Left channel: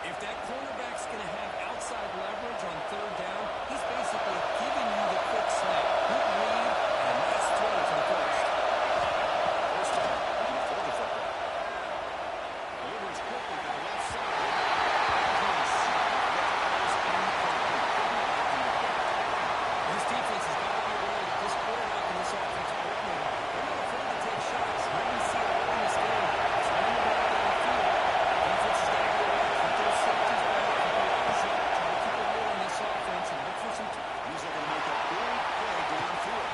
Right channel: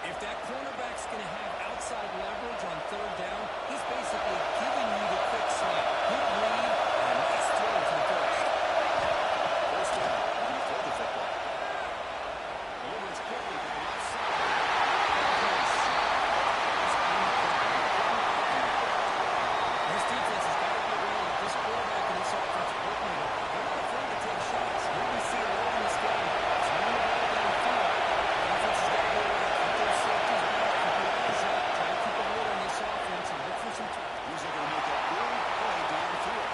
If that cornerback's going to have outside leverage on third down, he's basically giving you the quick slant. Good read and a nice throw to the first. First down. He's going to throw the football. Delivers quickly to the left side. This defense has got to be aware that this quarterback and this offensive coordinator, they're not afraid to take shots. Here we see it early in this game. It's running the ball downfield. Defense has got to go around, keep those safeties back, keep their eyes up, try to keep a lid on this offense and look for some. He's looking to make a big play downfield.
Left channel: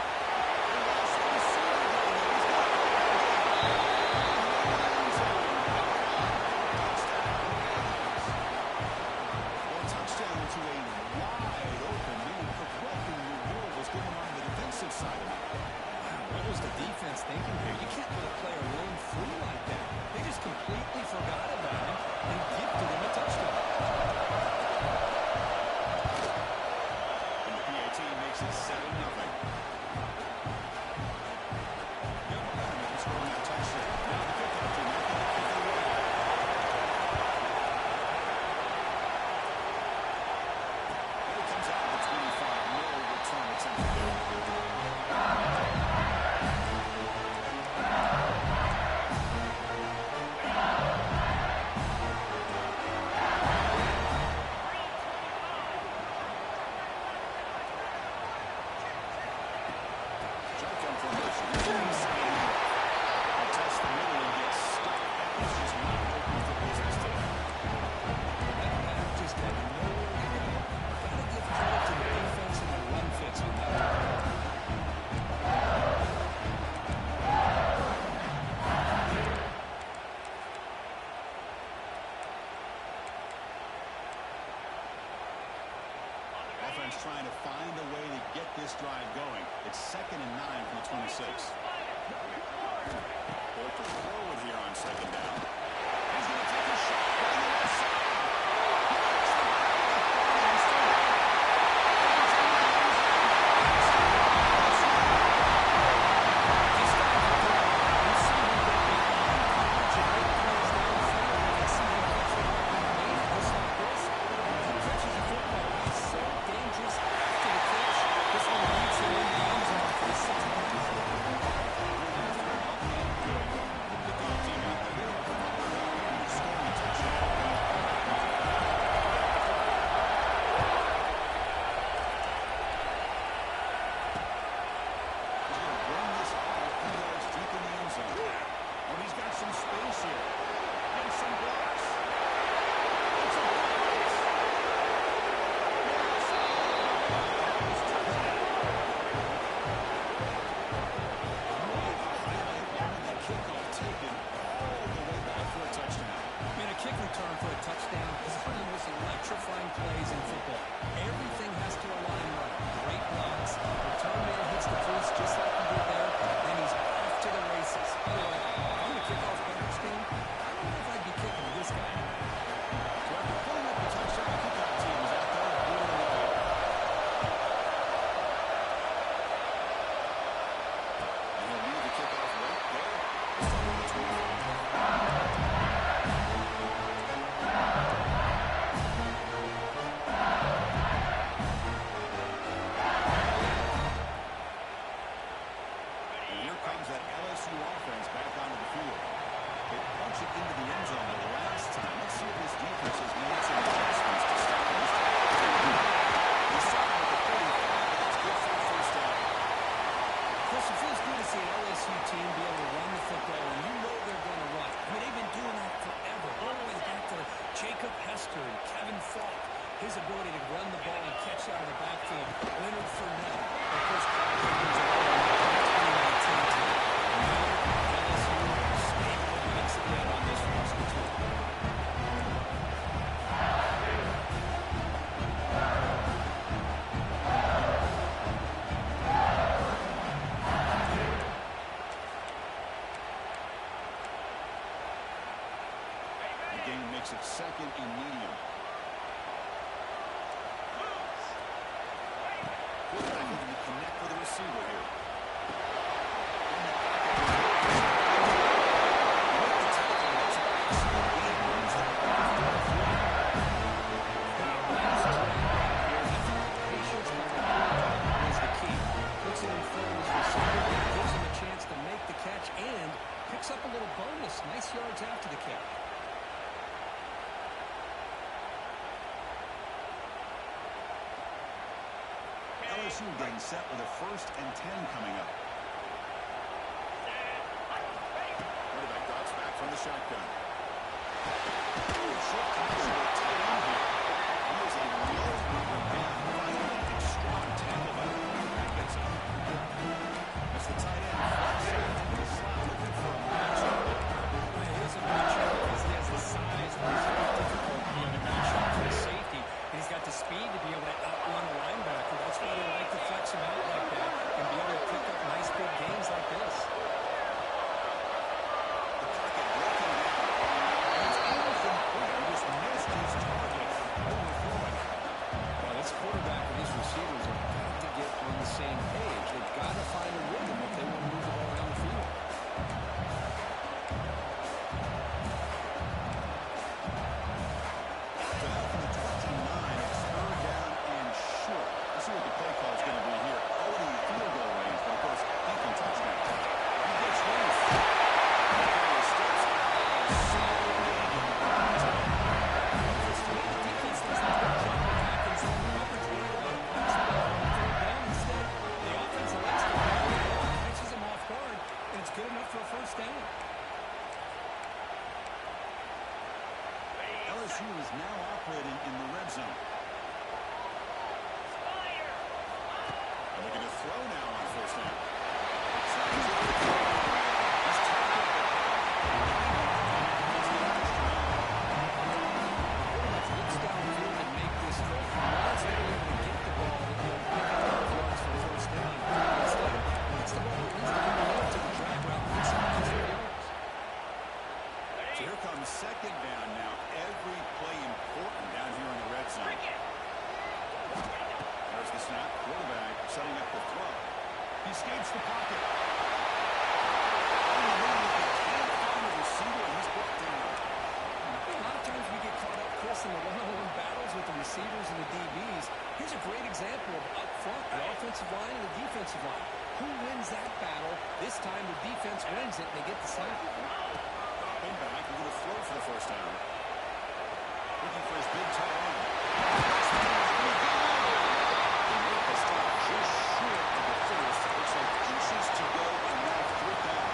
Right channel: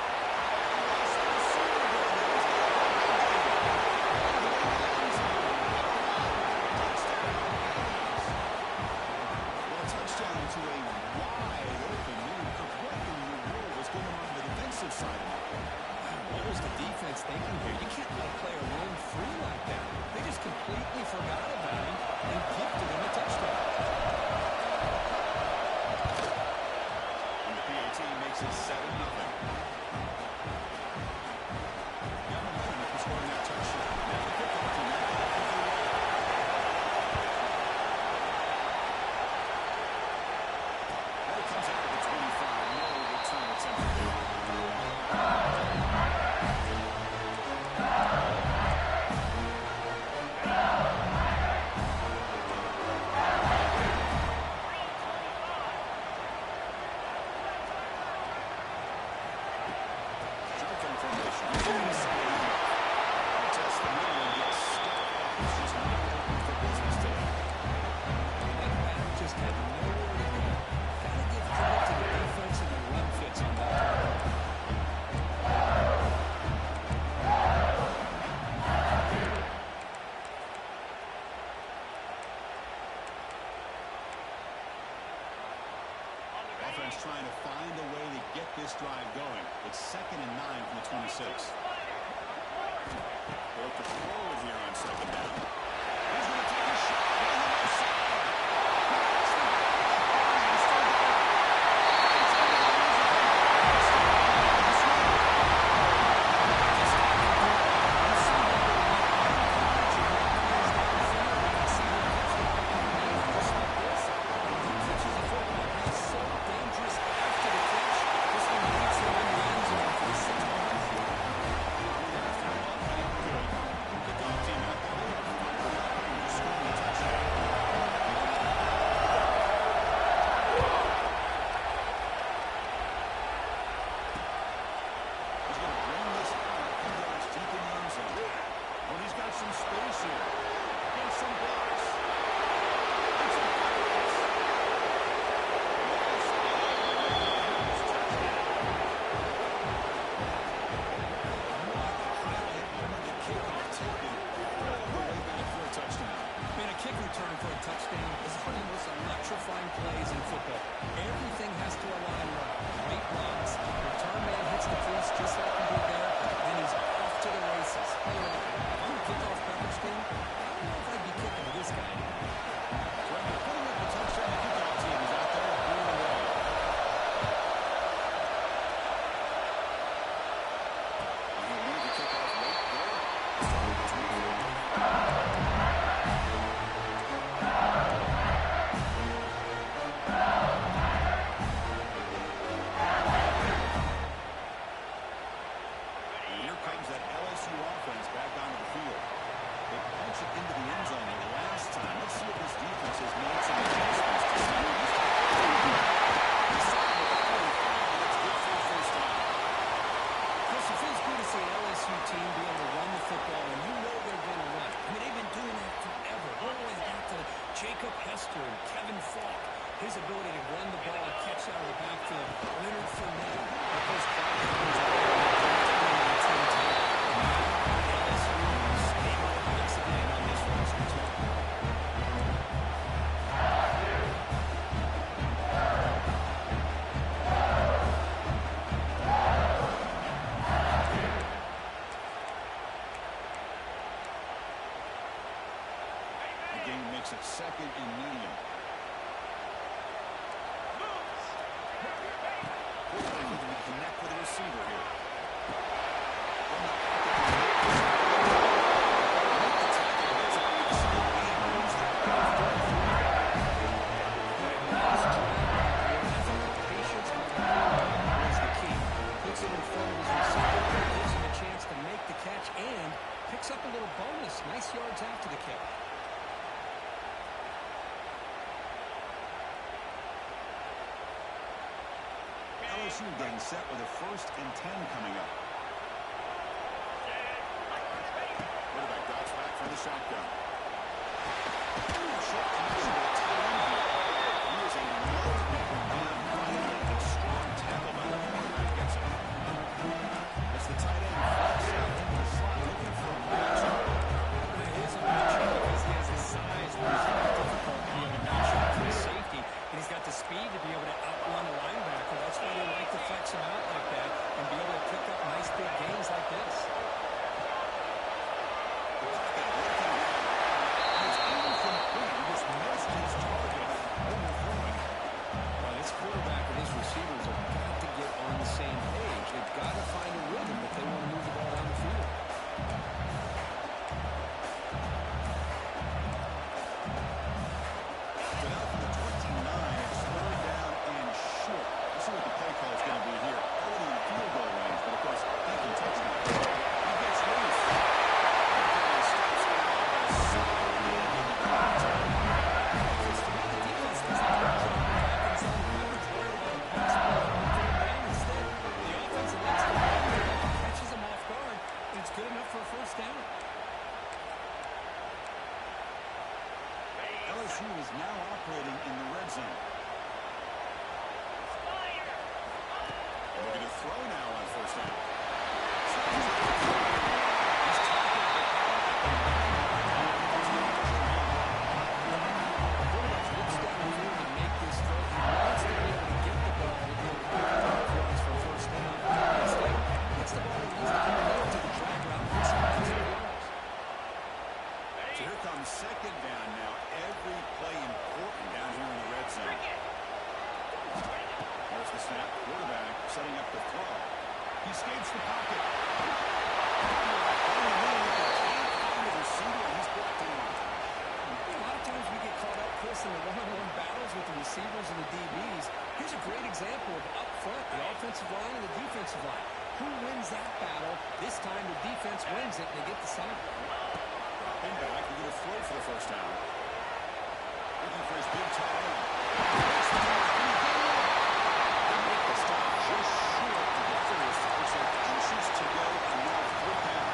And watch the receiver down there. He's got a touchdown to a wide open man. What in the world was going on the defensive side of that play? What was the defense thinking here? You can't let a player roam free like that. They just completely forgot about him and gifted him a touchdown. And the PAT makes it 7-0. Got momentum after scoring that touchdown. Now the kickoff team out there to kick it away. And it comes out of the 25. No return attempted there. offense trying to find a way to get this drive going. It's 2nd and 9 from the 26. They'll look to throw it here on 2nd down. He's going to take a shot down the left side. Some space here. And some blocks. And some blocks. Yes. Touchdown. What a highlight moment. The kickoff taken all the way back for a touchdown. Man, a kick return for a touchdown is one of the most electrifying plays in football. Everything has to align right. Great blocks. Return man hits the crease just like he did there. Then he's off to the races. By the way, on the kickoff coverage team, I don't know if I'd be kicking to this guy anymore. So after putting up the touchdown, the kickoff team is out there booting away. And he'll leave the kickoff right there. Starting the 25. That LSU offense back onto the field. They punch it into the end zone the last time. Let's see if this defense has made some adjustments to stop this. He started with the 45, but that's good for a first down. Chris, it feels good to see an LSU team be able to run the football, and you know they're going to run. I mean, they've been doing that forever. All the way back to Jacob Hester and Kevin Falk. His ability to run the ball and catch out of the backfield. Leonard Fournette. Of course, Clyde Higgins in the 2019 team. And now LSU stable with Max again on this roster, too. The game makes it 2nd and medium. Quarterback looking to connect with the receiver here. From the pocket, make the tackle. That's a big speed. He moves that ball forward. Nice drag right here. I thought the patience by the quarterback was the key. Puts it in front of his receiver, gives him a chance to make the catch, and picks up a little bonus. Nice yards after the catch. LSU getting set with a 1st and 10 coming up. Quarterback drops back from the shotgun. Short connection with a tight end here. He is a low to bring down. Finally, a strong tackle by the quarterback gets him. That's the tight end. Flex out into the slot looking for a matchup. It is a matchup because he has the size where it's very difficult to be able to match up for his safety. And he's got the speed to be able to outrun a linebacker. That's why they like to flex him out like that and be able to pick up nice big gains like this. The pocket breaking down. And it's incomplete. He just missed his target, overthrowing it. Well, this quarterback and his receivers have got to get on the same page. They've got to find a rhythm if they want to move the ball down the field. So now from the 29, it's 3rd down and short. Let's see what the play call is going to be here. Already in field goal range, but of course, thinking touchdown. He gets loose. He steps out at a solid lead in the time. Because to me, the defense does a good job of back in zone coverage, worried about a pass play on 3rd down. Instead, the offense elects to run the ball, catches them off guard, and it's good enough for a first down. LSU is now operating in the red zone. And looking to throw now on 1st down. He's tackled the ball at the 9-yard line. That's the first down. The quarterback looks downfield to make this throw. He wants to be able to get the ball snap. Quarterback setting up the throw. He escapes the pocket. On the move, he can't find the receiver, and he's brought down. A lot of times we get caught up, Chris, in the one-on-one battles with the receivers and the DBs. Here's a great example of up front, the offensive line and the defensive line. Who wins that battle? This time the defense wins it, and they get the sack. Dropping back, he's going to throw for the first down. Looking for his big tight end. They make the stop just short of the first. Looks like inches to go, and now 4th down.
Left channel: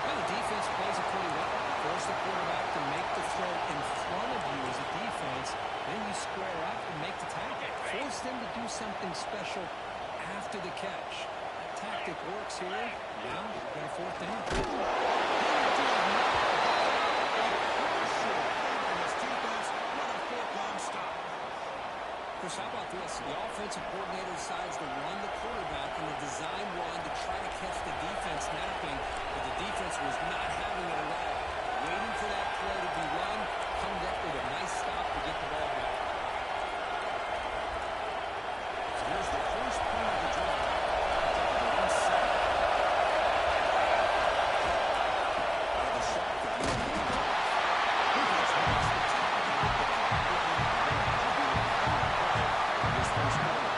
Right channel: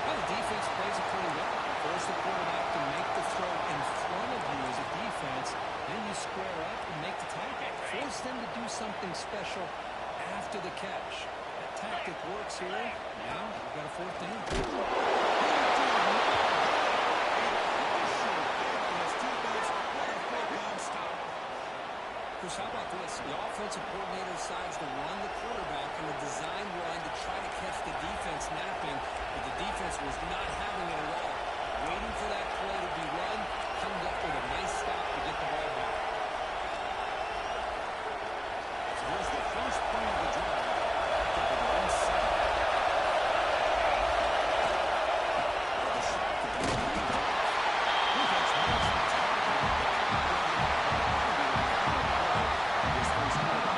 Well, the defense plays it pretty well. Force the quarterback to make the throw in front of you as a defense. Then you square up and make the tackle. Force them to do something special after the catch. That tactic works here. Now we've got a 4th down. Chris, how about this? The offensive coordinator decides to run the quarterback on the design run to try to catch the defense napping, but the defense was not having it at all. Waiting for that play to be run, comes up with a nice stop to get the ball back. So here's the first play of the drive. Backed up with their own set. Out of the shotgun, he leads off. He gets most of the time to get the clock running, but that'll be the final play of this first quarter.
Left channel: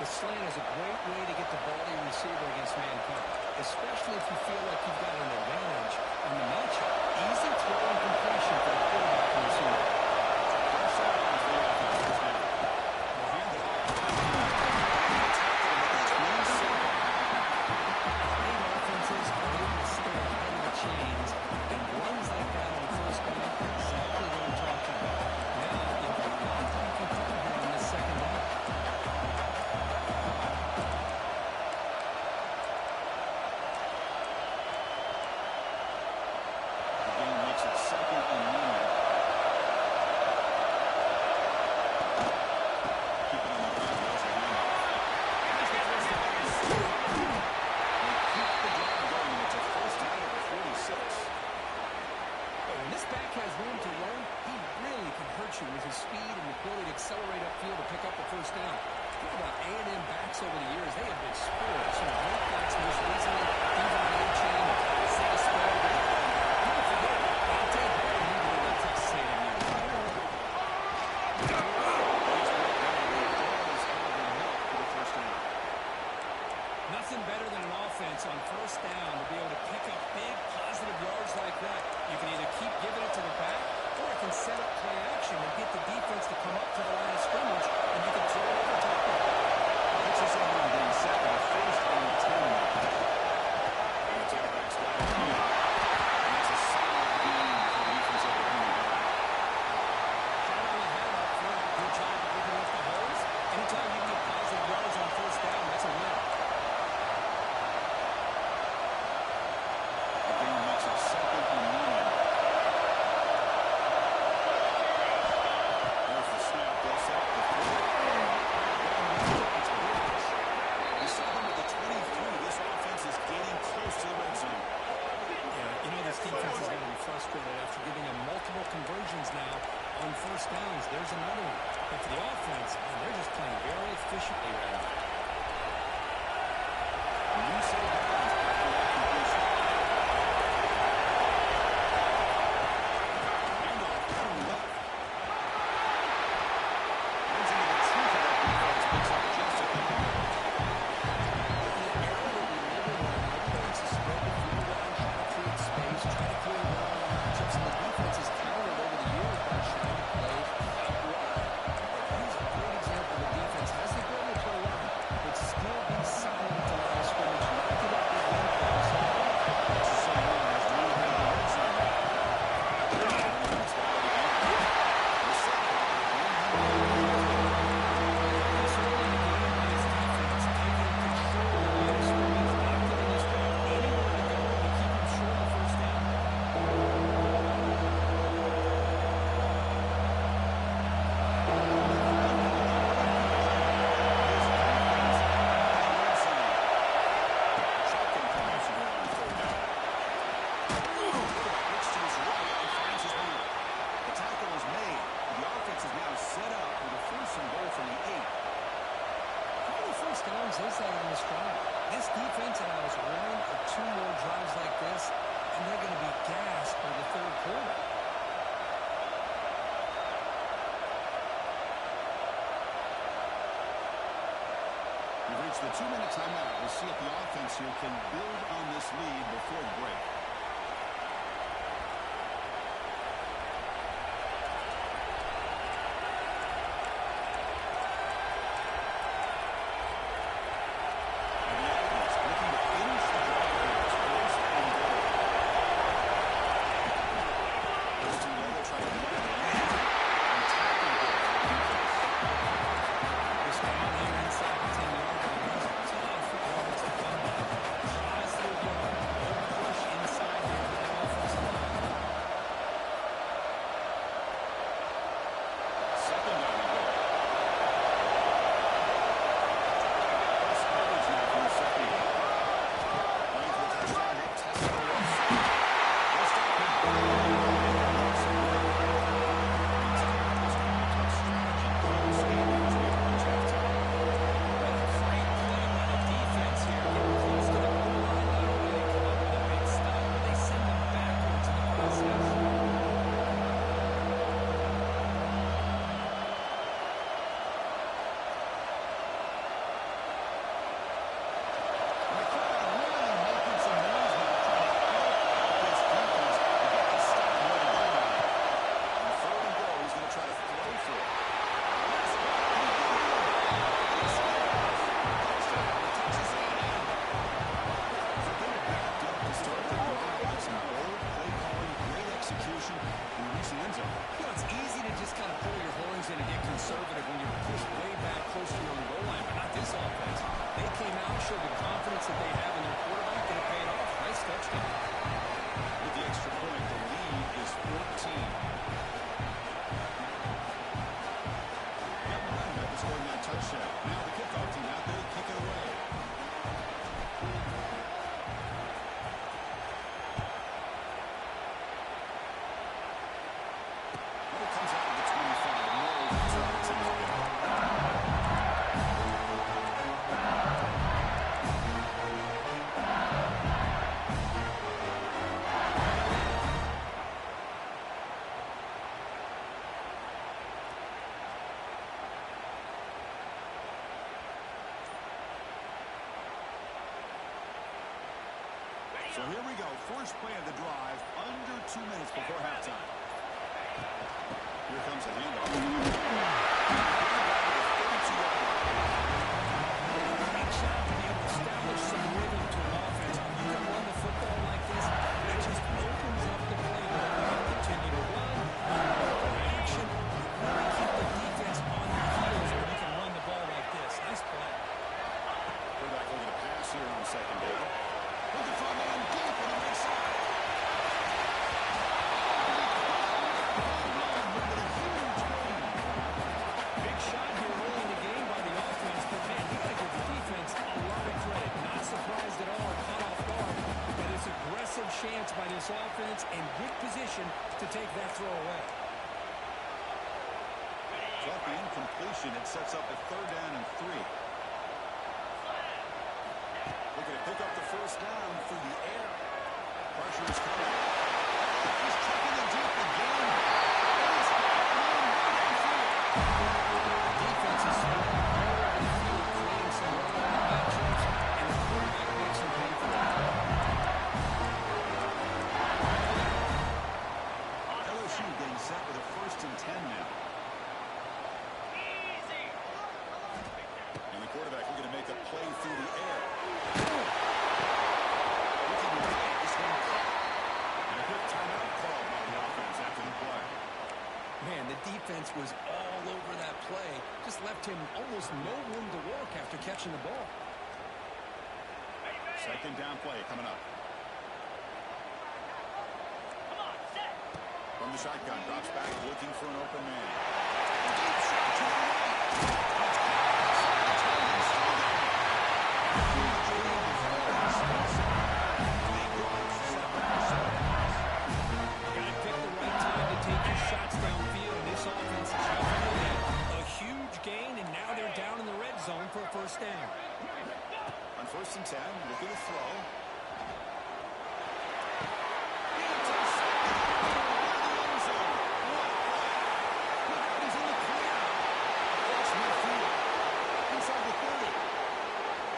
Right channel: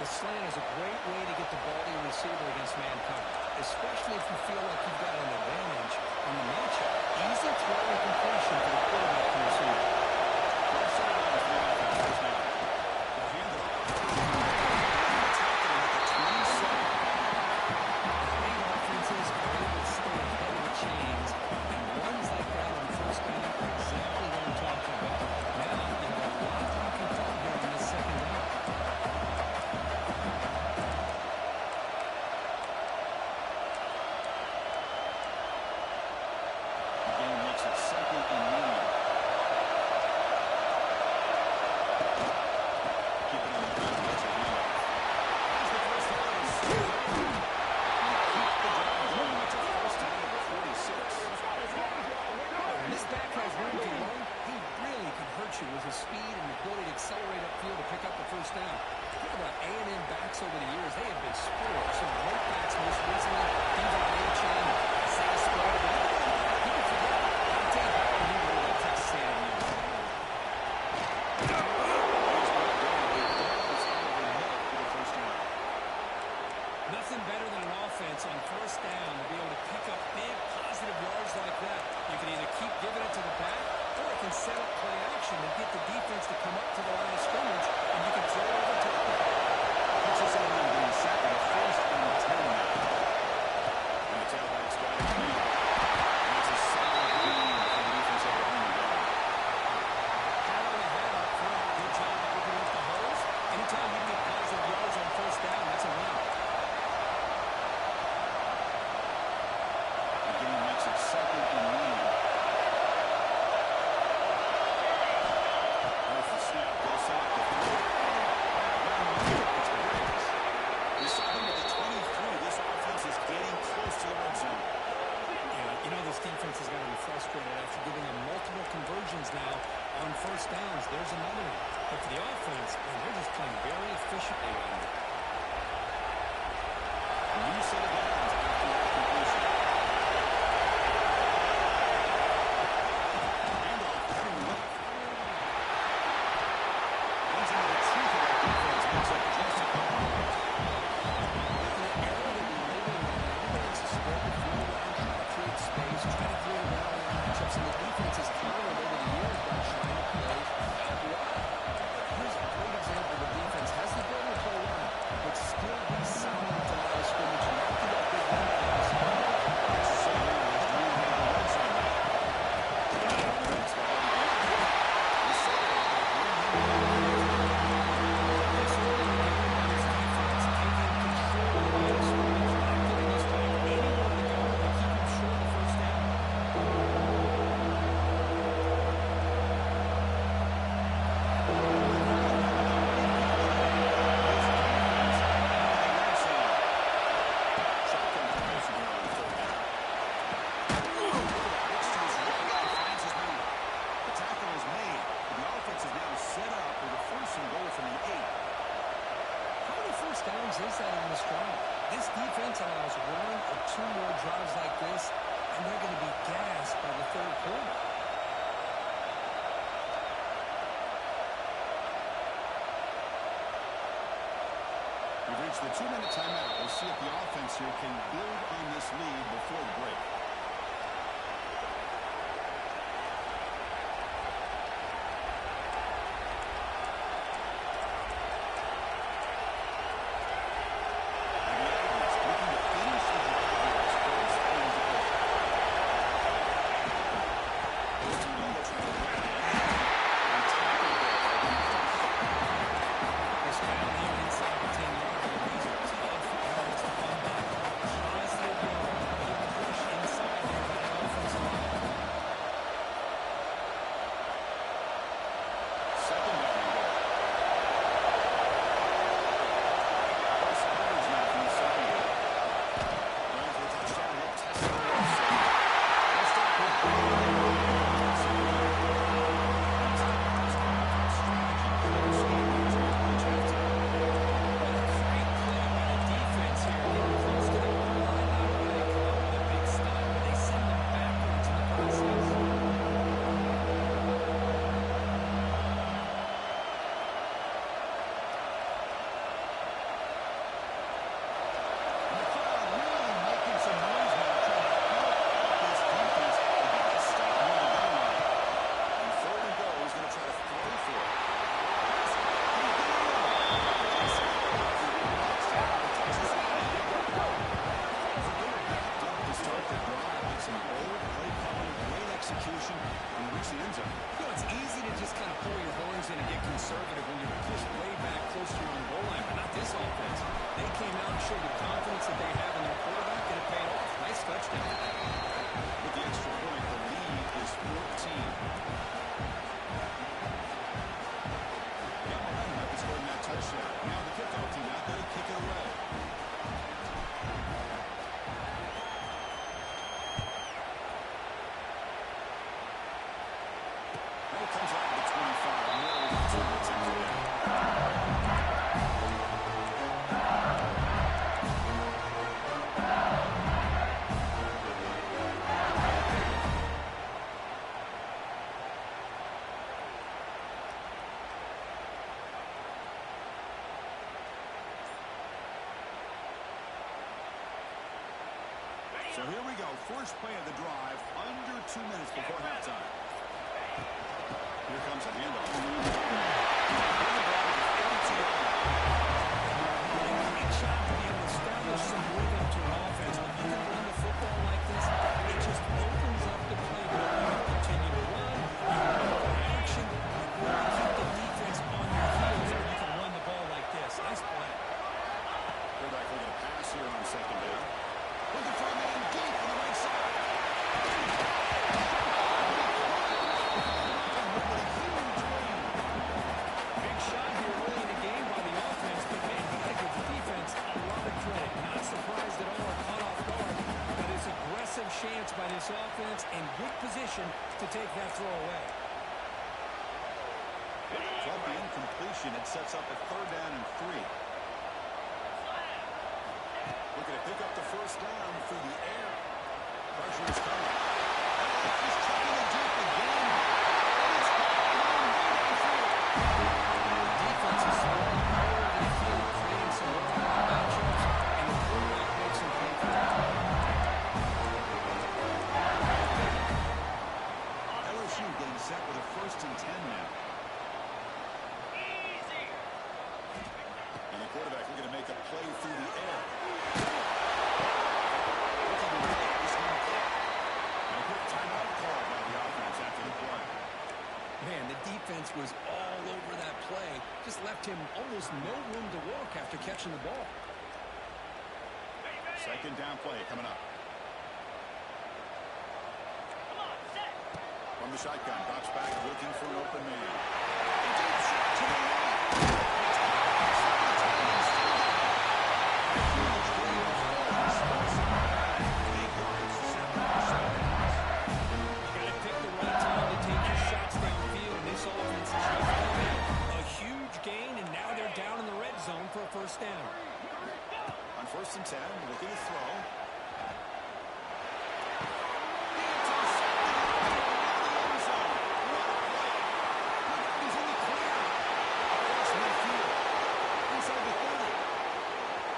The slant is a great way to get the ball to your receiver against man coverage, especially if you feel like you've got an advantage on the matchup. Easy throw and completion for the quarterback and receiver. Pressure on for the offense now. They'll hand it off. They'll tackle him at the 27. Great offenses are able to stay ahead of the chains, and runs like that on first down are exactly what I'm talking about. Now, you have a lot that you can throw here on this second down. Second and medium. Keep it on the ground. There's a handoff. There's the first down. They keep the drive going. It's a first down at the 46. When this back has room to run, he really can hurt you with his speed and ability to accelerate upfield to pick up the first down. Think about A&M backs over the years. They have been spoiled. Some great backs most recently. Devon A-Chain, Isaiah Spread. People forget Texas A&M. expect the defense to come up to the line of scrimmage, and you can throw it over top of them. Pitches on him, getting set with a 1st and 10 now. And the tailback's got it clean. And that's a solid game for the defense of the home down. Hat on the head up front. Good job opening up the holes. Anytime you can get positive yards on 1st down, that's a win. The game makes it 2nd and 9. There's the snap. They'll set up the throw. Down the middle. It's Briggs. We saw them with the 23. This offense is getting close to the red zone. Yeah, you know this defense is going to be frustrated after giving them multiple conversions now on 1st downs. There's another one. But for the offense, man, they're just playing very efficiently right now. A new set of downs after that completion. Handoff to left. Runs into the teeth of that defense. Makes up just a couple yards. In the era that we live in right now, everybody wants to spread the field around, try to create space, try to create one-on-one matchups, and the defense has countered over the years by trying to play out wide. But here's a great example of a defense has the ability to play wide, but still be solid at the line of scrimmage, not give up big run plays. That's the same one as moving into the red zone now. It's got it again. The setback will bring him This early in the game by this defense, taking control of the line of scrimmage, not giving this drive anywhere to go, and keep him short of 1st down. Shotgun formation here on 3rd down. Looks to his right and finds his man. The tackle is made. The offense is now set up with a 1st and goal from the 8. How many 1st downs is that on this drive? This defense allows 1 or 2 more drives like this, and they're going to be gassed by the 3rd quarter. We've reached the 2-minute timeout. We'll see if the offense here can build on this lead before the break. And the Aggies looking to finish the drive here. It's 1st and goal. Those two will try to wrap it and tackle goal for the defense. This down here inside the 10-yard line, these are tough yards to come by. Positive yard, no push inside here by that offensive line. 2nd down and goal. Press coverage now from the secondary. Running for the touchdown. They'll test it on the left side. They'll stop him. Strategy close game as we approach halftime. What a great play by the defense here. Getting close to the goal line, not only do they come up with a big stop, but they send them backwards in the process. And the crowd really making some noise now, trying to help out this defense to get this stop near the goal line. On 3rd and goal, he's going to try to throw for it. Pass, and he did it. And he scores. Touchdown, Texas A&M. They were backed up to start the drive with some bold play calling, great execution, and reach the end zone. You know, it's easy to just kind of pull your horns in and get conservative when you're pushed way back close to your own goal line, but not this offense. They came out and showed the confidence that they have in their quarterback, and it paid off. Nice touchdown. With the extra point, the lead is 14. Got momentum after scoring that touchdown. Now the kickoff team out there to kick it away. And it comes out of the 25. No return attempted there. So here we go. First play of the drive, under 2 minutes before halftime. Here's Here comes a handoff. Bring it down to the 32-yard line. Great job to be able to establish some rhythm to an offense. When you can run the football like this, it just opens up the playbook. You can continue to run, you can go for action, you really keep the defense on your heels when you can run the ball like this. Nice play. Quarterback looking to pass here on second down. Looking for a man deep on the right side. Big shot here early in the game by the offense, but man, you got to give the defense a lot of credit. Not surprised at all or caught off guard, but it's aggressive chance by this offense and good position to take that throw away. Off the incompletion, it sets up a 3rd down and 3. Looking to pick up the first down through the air. Pressure is coming. He's chucking it deep again. And it's going way downfield. The defense is scoring all over the field, creating some one-on-one matchups, and the quarterback makes them pay for it. LSU getting set with a 1st and 10 now. And the quarterback looking to make a play through the air. Looking to make this one caught. And a quick timeout call by the offense after the play. Man, the defense was all over that play. Just left him almost no room to walk after catching the ball. 2nd down play coming up. From the shotgun, drops back, looking for an open man. A deep shot to the right. It's caught outside the 10 and still down. Huge gain before he starts it back. 8 yards, 7 downs. You got to pick the right time to take your shots downfield, and this offense just did that. A huge gain, and now they're down in the red zone for a 1st down. On 1st and 10, looking to throw.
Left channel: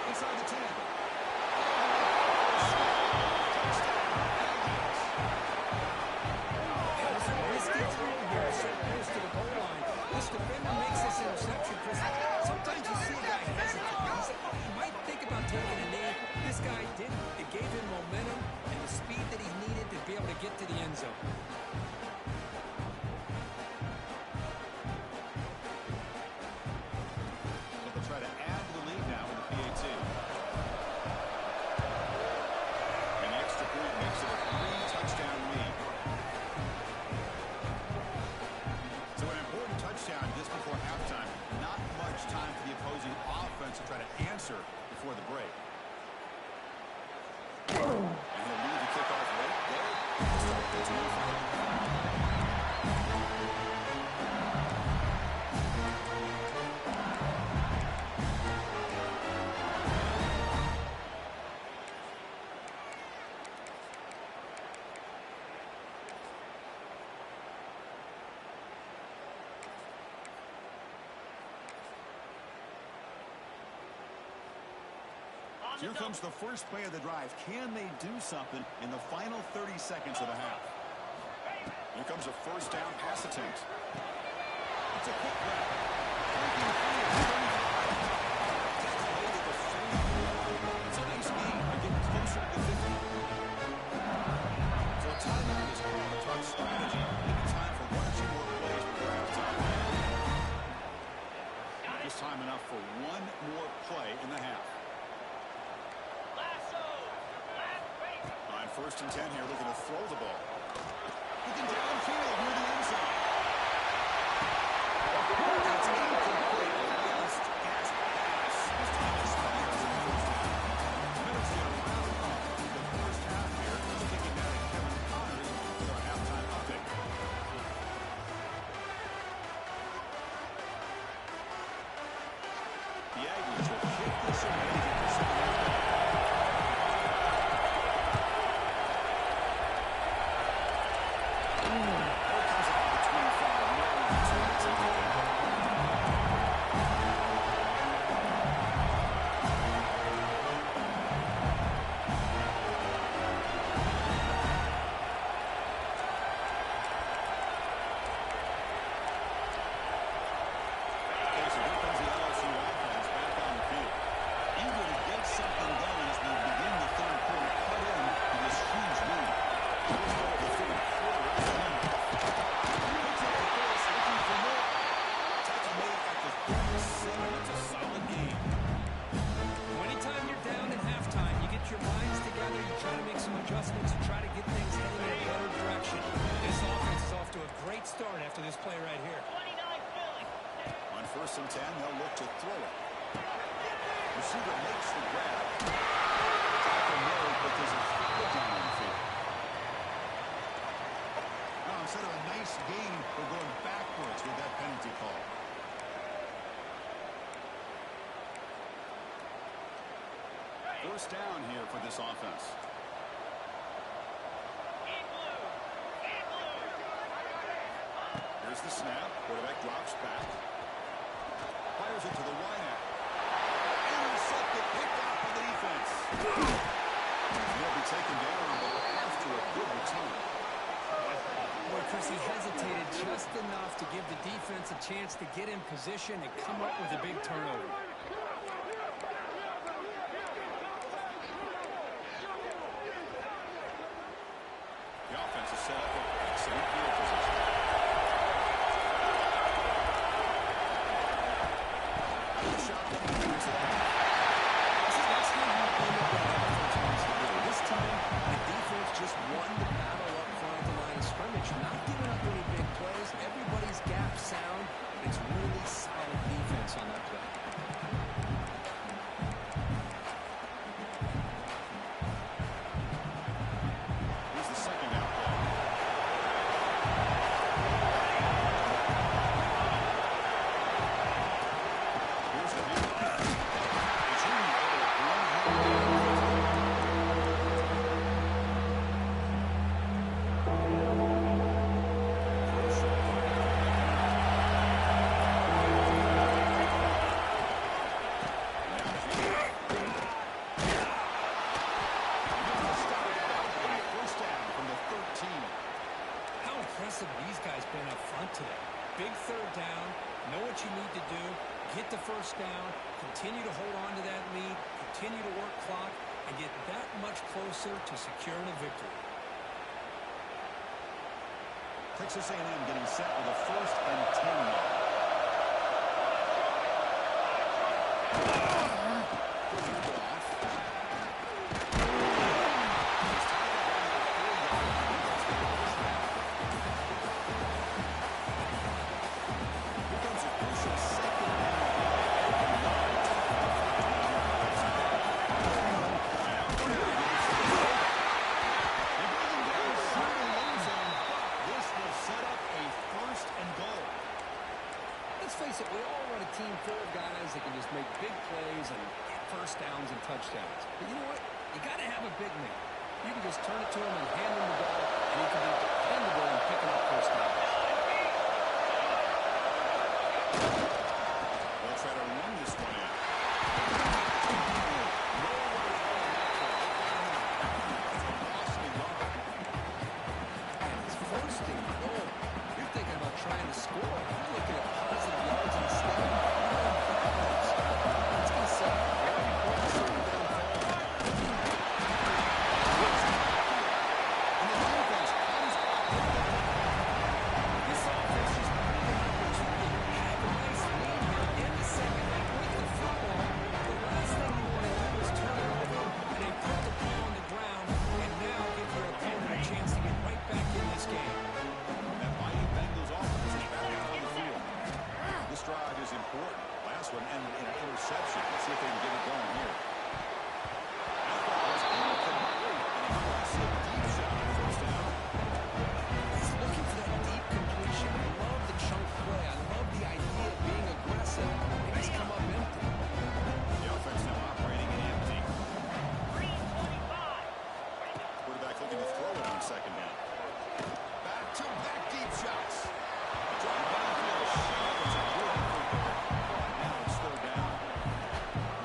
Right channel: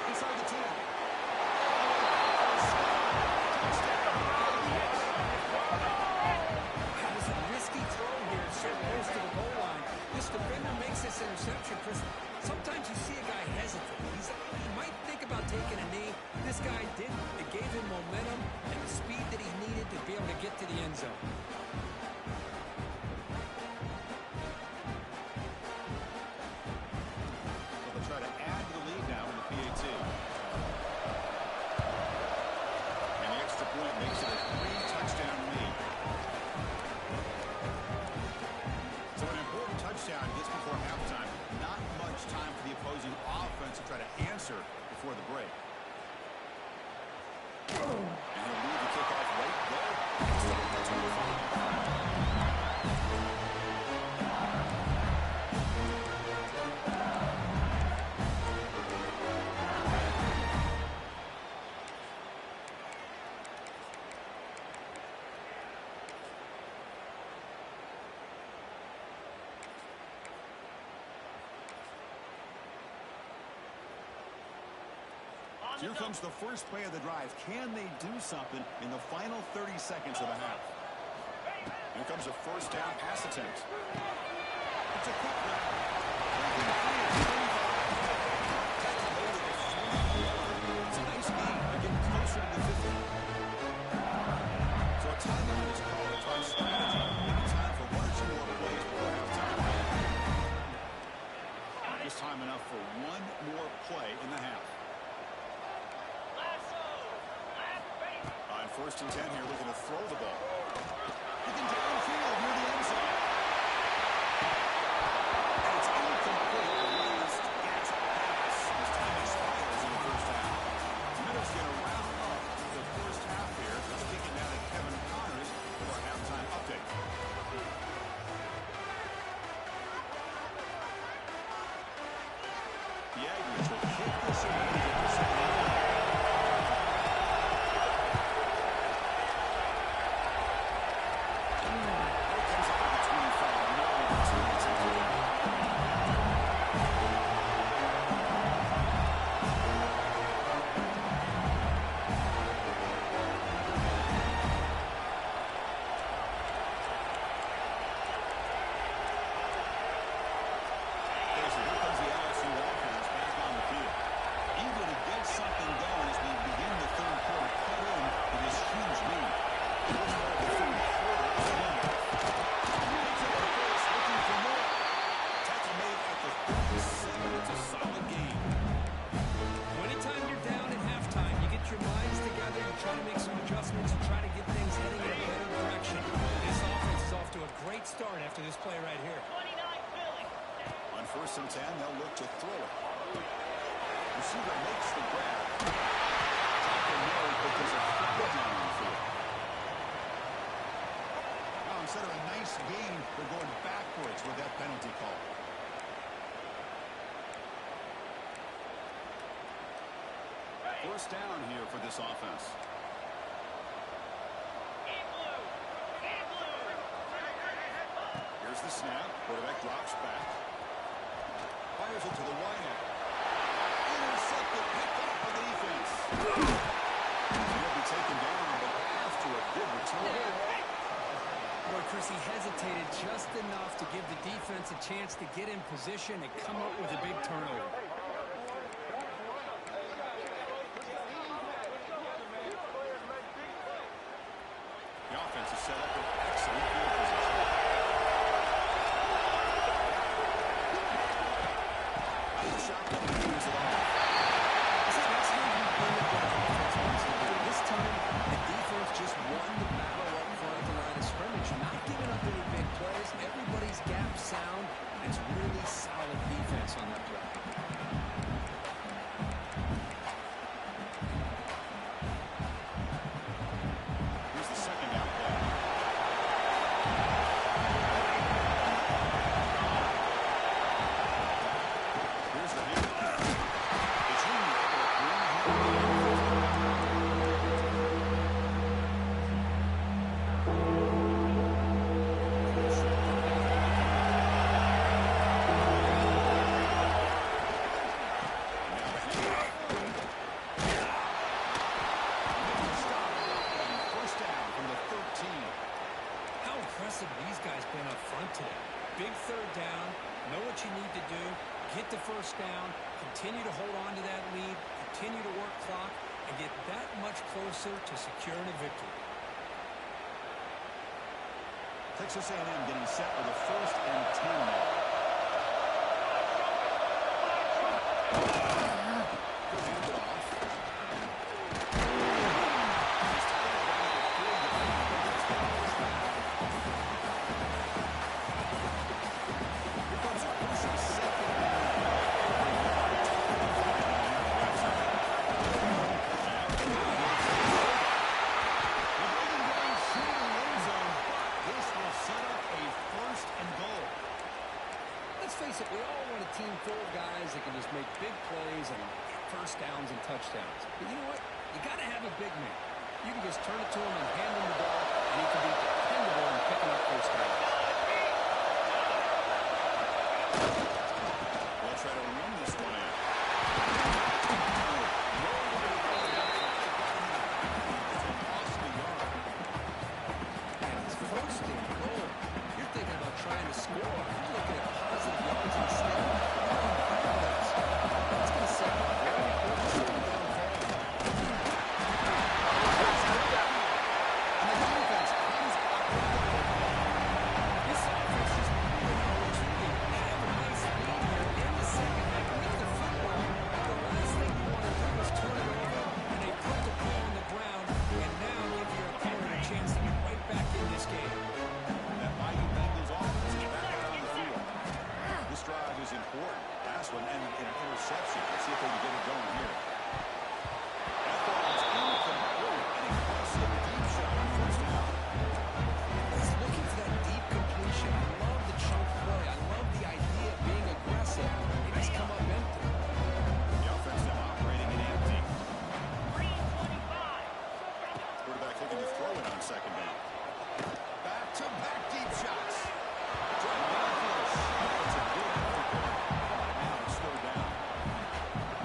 Inside the 10. All the way back for a score. Touchdown, Aggies. That was a risky throw here, so close to the goal line. This defender makes this interception, Chris. Sometimes you see a guy hesitate. He might think about taking a knee. This guy didn't. It gave him momentum and the speed that he needed to be able to get to the end zone. So they'll try to add to the lead now with the PAT. And the extra point makes it a 3-touchdown lead. So an important touchdown just before halftime. Not much time for the opposing offense to try to answer before the break. And he'll leave the kickoff right there. Start the 25. Here comes the first play of the drive. Can they do something in the final 30 seconds of the half? Here comes a 1st down pass attempt. It's a quick grab. Breaking free at 35. That's late at the 40. It's a nice gain. They're getting closer to the 50. So a timeout is called to talk strategy. Maybe time for 1 or 2 more plays before halftime. Just time enough for 1 more play in the half. On 1st and 10 here, looking to throw the ball. Looking downfield near the end zone. And it's incomplete. The last gasp pass as time expires in the 1st half. The Minnows going to round up the 1st half here. Let's kick it down to Kevin Connors with our halftime update. The Aggies will kick this away to get the 2nd half. a great start after this play right here. 29 Philly. On 1st and 10, they'll look to throw it. Receiver makes the grab. Tackle made, but there's a flag down on the field. Now, instead of a nice gain, we're going backwards with that penalty call. First down here for this offense. Here's the snap. Quarterback drops back. Fires it to the wideout. Intercepted, picked off by the defense. He'll be taken down, but after a good return. Boy, Chris, he hesitated just enough to give the defense a chance to get in position and come up with a big turnover. The offense is set up with excellent field position. Out of the shotgun, he moves it off. That's how you limit what offense wants to do. This time, the defense just won the battle up front at the line of scrimmage, not giving up any big plays. Everybody's gap sound. It's really solid defense on that play. Here's the second down play. Here's the handoff. The junior able to bring him These guys been up front today. Big third down, know what you need to do, get the first down, continue to hold on to that lead, continue to work clock, and get that much closer to securing a victory. Texas A&M getting set with a 1st and 10 now. Good handoff. He's tackled down to the 4-yard line. Defense going to push back. Here comes a crucial second down play. Every yard tough to find down here on the right side. Now Brady gets the throwback. They bring him down short of the end zone, but this will set up a 1st and goal. Let's face it, we all want a team full of guys that can just make big plays and get first downs and touchdowns. But you know what? You got to have a big man. You can just turn it to him and hand him the ball, and he can be dependable in picking up first downs. They'll try to run this one in. Nowhere to go on that play. They got him in the backfield. It's a loss of a yard. And it's 1st and goal. You're thinking about trying to score. You're looking at positive yards instead. You're going backwards. It's going to set up a very important second down play. And the defense comes up with the football. This offense just really an opportunity to have a nice lead here in the second half with the football. The last thing you want to do is turn it over, and they put the ball on the ground, and now give your opponent a chance to get right back in this game. That mighty Bengals offense is back out on the field. This drive is important. Last one ended in an interception. Let's see if they can get it going here. That ball is incomplete. An aggressive deep shot on 1st down. He's looking for that deep completion. I love the chunk play. I love the idea of being aggressive. They just come up empty. The offense now operating in empty. 3:25. Quarterback looking to throw it on 2nd down. Back-to-back deep shots. Drive downfield shot. It's a good effort there. But now it's 3rd down.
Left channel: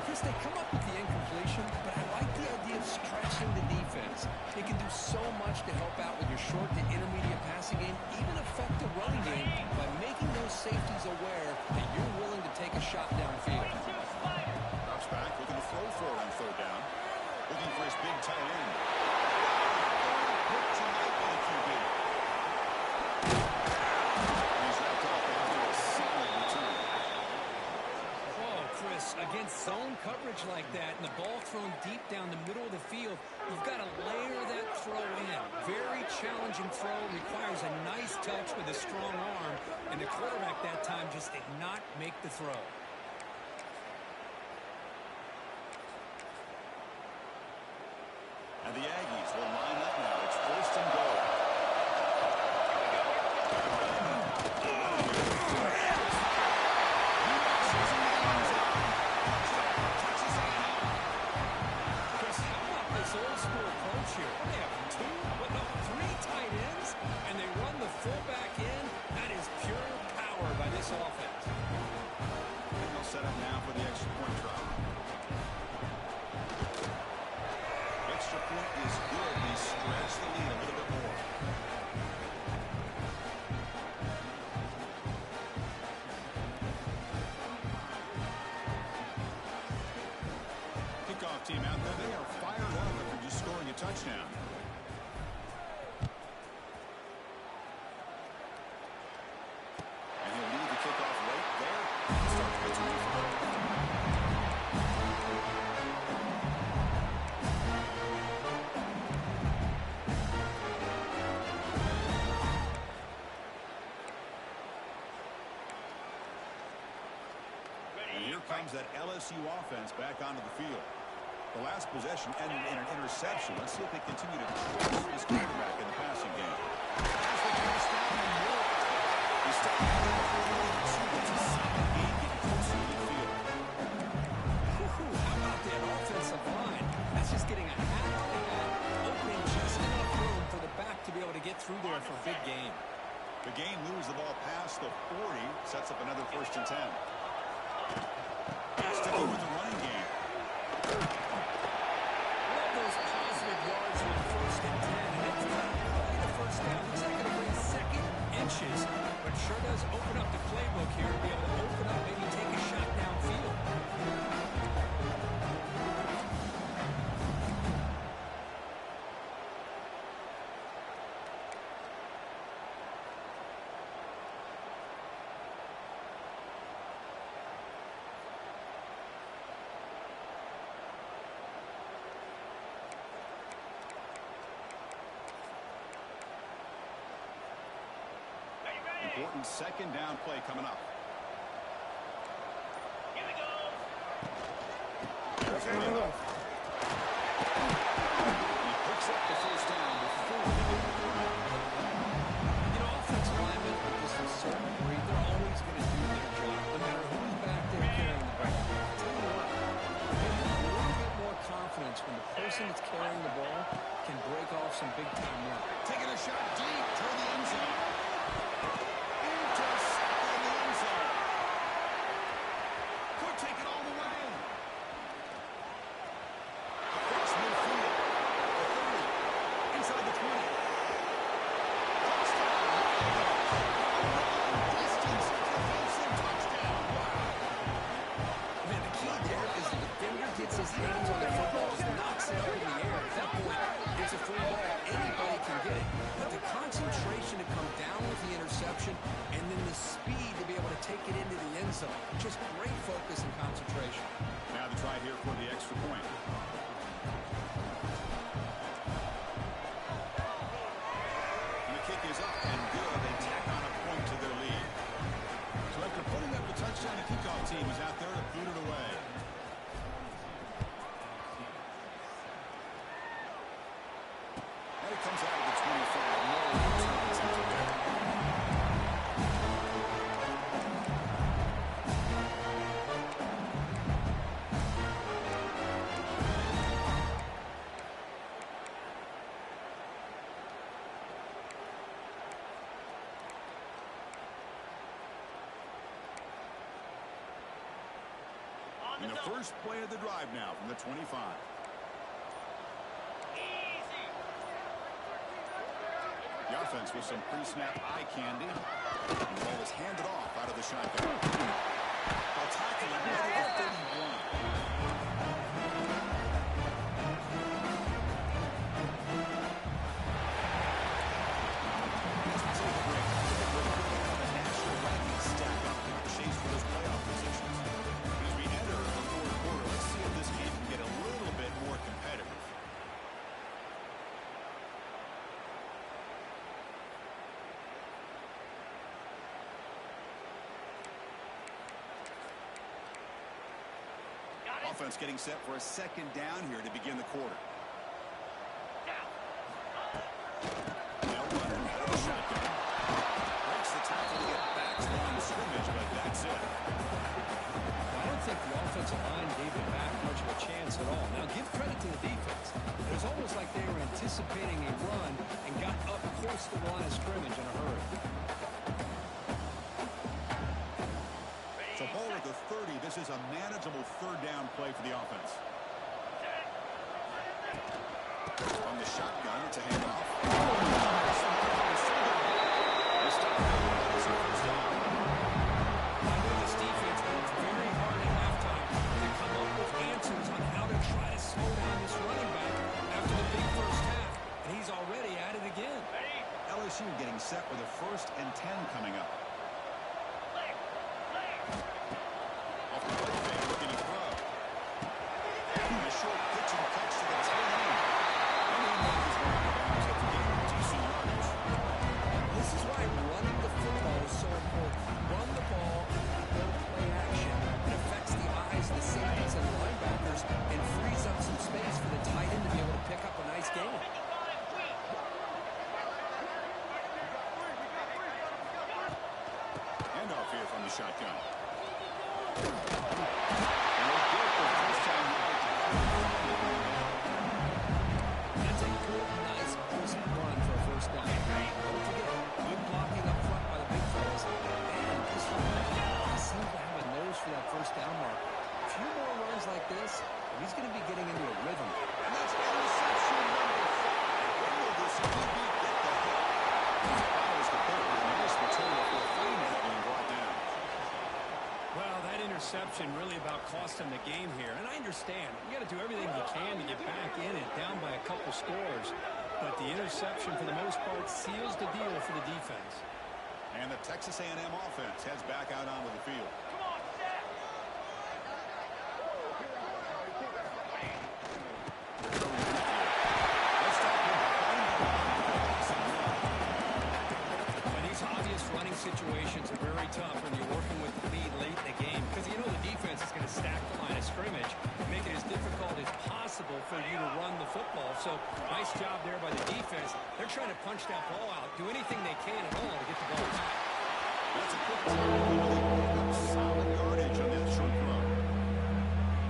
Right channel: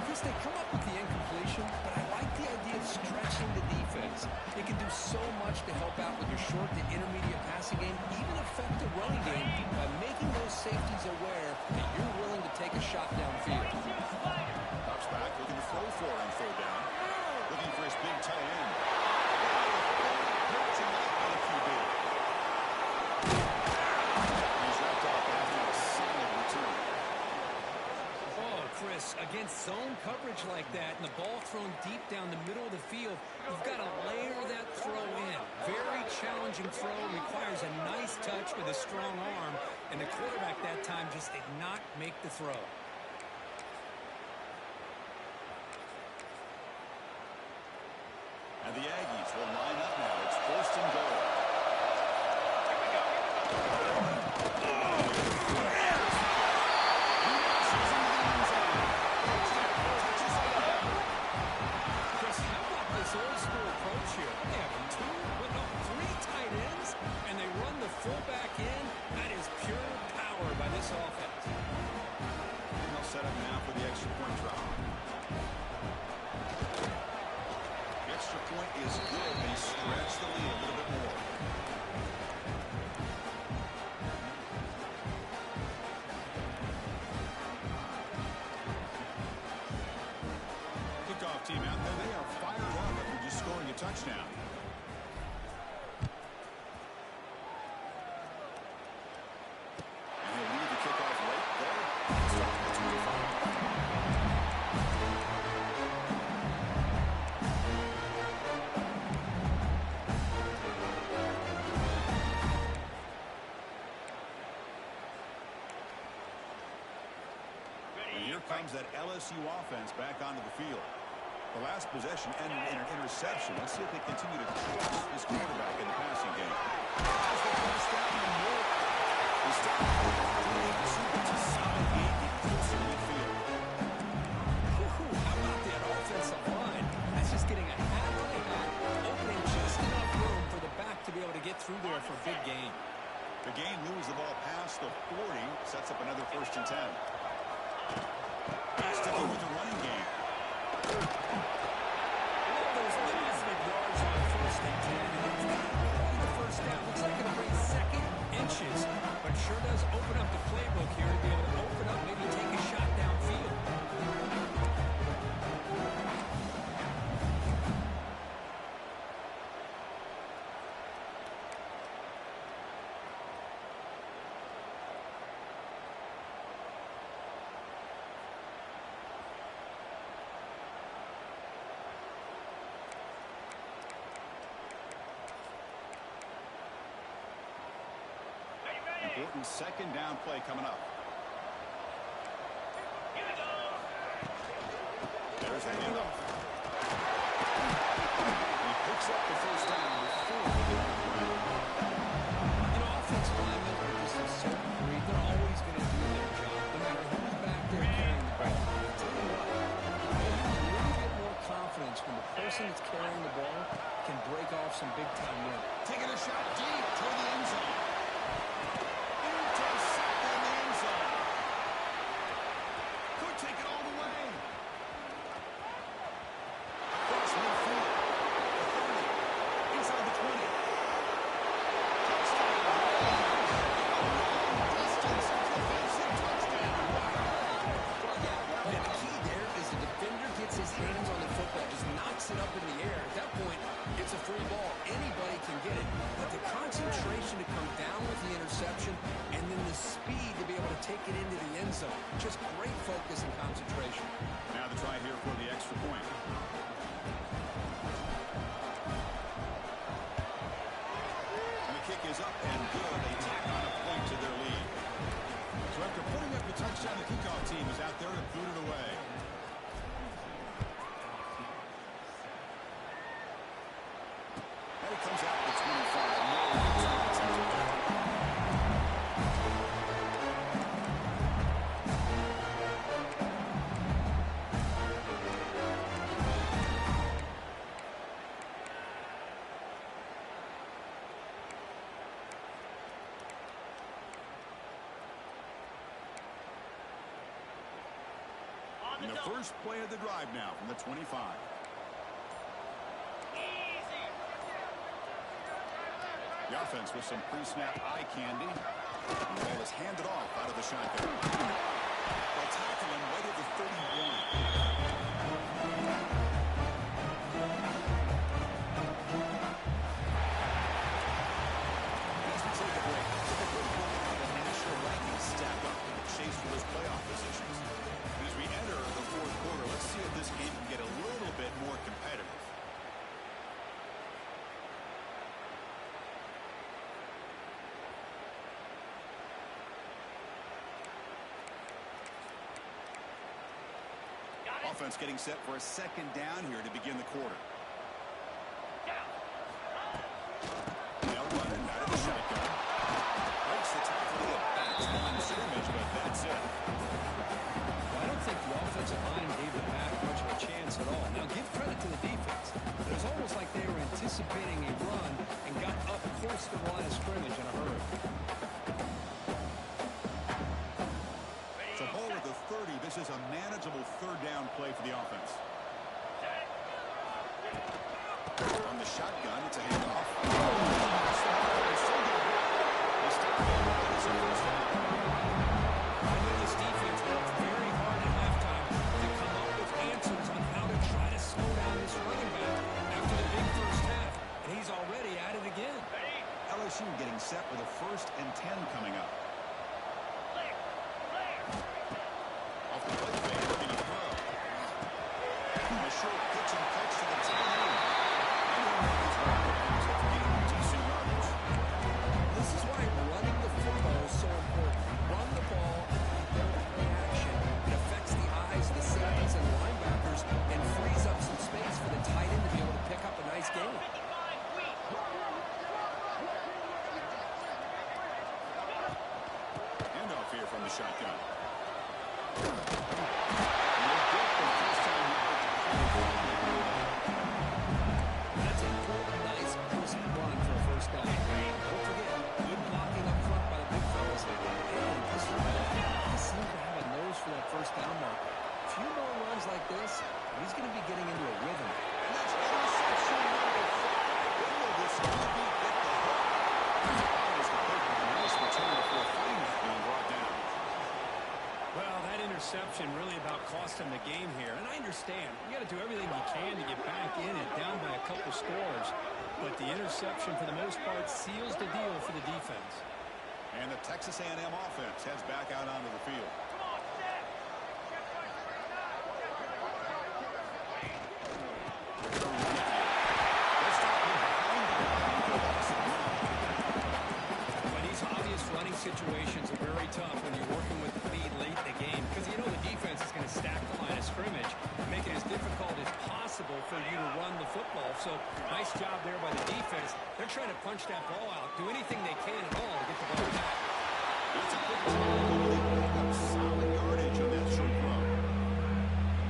Chris, they come up with the incompletion, but I like the idea of stretching the defense. It can do so much to help out with your short to intermediate passing game, even affect the running game by making those safeties aware that you're willing to take a shot downfield. 22 Spider. Drops back, looking to throw for it on 3rd down. Looking for his big tight end. Wow, a third pick tonight by the QB. And he's wrapped up after a solid return. Oh, Chris, Against zone coverage like that and the ball thrown deep down the middle of the field, you've got to layer that throw in. Very challenging throw, requires a nice touch with a strong arm, and the quarterback that time just did not make the throw. And the Aggies will line up now. It's first and goal. Old school approach here. They have three tight ends, and they run the fullback in. That is pure power by this offense. And they'll set up now for the extra point drop. The extra point is good. They stretch the lead a little bit more. Kickoff team out there. They are fired up after just scoring a touchdown. And he'll lead the kickoff right there. Starts at the 25. And here comes that LSU offense back onto the field. The last possession ended in an interception. Let's see if they continue to trust this quarterback in the passing game. Has the first down and more. He started out with a 32. It's a solid game getting closer to midfield. How about that offensive line? That's just getting a hat on a hat, opening just enough room for the back to be able to get through there for a big gain. The game moves the ball past the 40, sets up another 1st and 10. Sticking with the running game. Love those positive yards on 1st and 10, and it's not quite a first down. Looks like it'll bring second inches, but sure does open up the playbook here to be able to open up, maybe take a shot downfield. Important 2nd down play coming up. Here we go. There's the handoff. He picks up the 1st down before they get to the ground. Offensive linemen are just a certain breed. They're always going to do their job, no matter who's back there carrying the ball. I'll tell you what, maybe a little bit more confidence when the person that's carrying the ball can break off some big-time work. Taking a shot deep toward the end zone. Intercepted in the end zone. Could take it all the way. Across midfield. The 30. Inside the 20. Touchdown. A long distance defensive touchdown. Wow. Man, the key there is the defender gets his hands on the football, just knocks it up in the air. At that point, it's a free ball. Anybody can get it. But the concentration to come down with the interception and then the speed to be able to take it into the end zone. Just great focus and concentration. Now the try here for the extra point. And the kick is up and good. They tack on a point to their lead. So after putting up the touchdown, the kickoff team is out there to boot it away. And it comes out of the 25. No return attempted there. And the first play of the drive now from the 25. Easy. The offense with some pre-snap eye candy. And the ball is handed off out of the shotgun. They'll tackle him right at the 31. As we take a break, take a quick look at how the national rankings stack up in the chase for those playoff positions. As we enter the more competitive. Got it. Offense getting set for a second down here to begin the quarter. Down. Now running out of the shotgun. Breaks the tackle to get back to the line of scrimmage, but that's it. I don't think the offensive line gave the back much of a chance at all. Now, give credit to the defense. It was almost like they were anticipating a run and got up close to the line of scrimmage in a hurry. So ball at the 30. This is a manageable third down play for the offense. On the shotgun, it's a handoff. The stop is a first down. I know this defense worked very hard at halftime to come up with answers on how to try to slow down this running back after the big first half, and he's already at it again. Ready. LSU getting set with a 1st and 10 coming up. Clear. Clear. Off the play fake, looking to throw. A short pitch and catch to the tight end. And he'll make his way out of bounds after getting decent yardage. This is why running the football is so important. Run the ball and then you go play action. It affects the eyes of the safeties and linebackers and frees up some space for the tight end to be able to pick up a nice gain. 55 weak. Handoff here from the shotgun. And he'll get the first time yard to finally bring it down. That's a good, nice, crisp run for a first down. Don't forget, good blocking up front by the big fellas. And this one, he seems to have a nose for that first down marker. A few more runs like this, and he's going to be getting into a rhythm. And that's interception number 5. When will this QB get the hook? Follows the play with a nice return before Freeman being brought down. Well, that interception really about cost him the game here. And I understand. You got to do everything you can to get back in it, down by a couple scores. But the interception, for the most part, seals the deal for the defense. And the Texas A&M offense heads back out onto the field. Come on, set. Let's stop him behind the line for a loss of 1. But these obvious running situations are very tough when you're working with the lead late in the game because you know the defense is going to stack the line of scrimmage, make it as difficult as possible for you to run the football. So nice job there by the defense. They're trying to punch that ball out, do anything they can at all to get the ball back. That's a quick tackle. They pick up solid yardage on that short throw.